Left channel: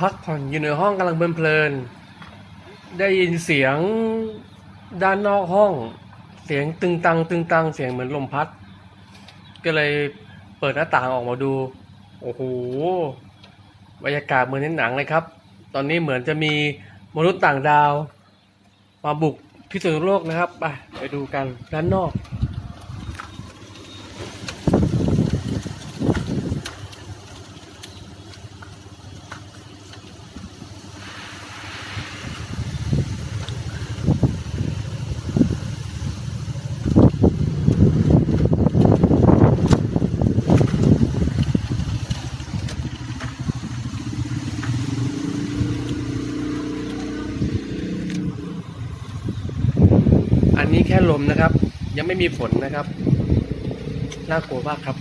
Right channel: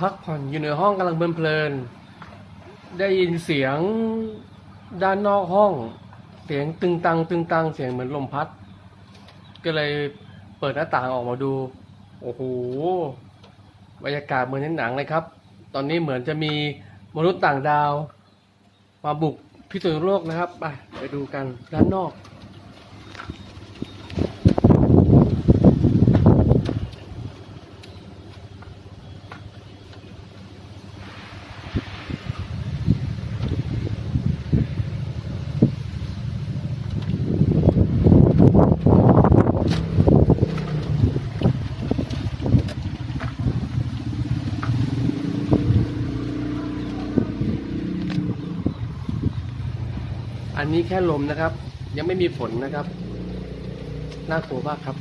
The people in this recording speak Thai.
พักผ่อนอยู่ในห้องกำลังเพลินๆได้ยินเสียงด้านนอกห้อง เสียงตึงตังตึงตังเสียงเหมือนลมพัด ก็เลยเปิดหน้าต่างออกมาดู โอ้โหบรรยากาศเหมือนในหนังเลยครับ ตอนนี้เหมือนจะมีมนุษย์ต่างดาว มาบุกพิษณุโลกนะครับ ไปไปดูกันด้านนอก อันนี้แค่ลมนะครับ ยังไม่มีฝนนะครับ น่ากลัวมากครับ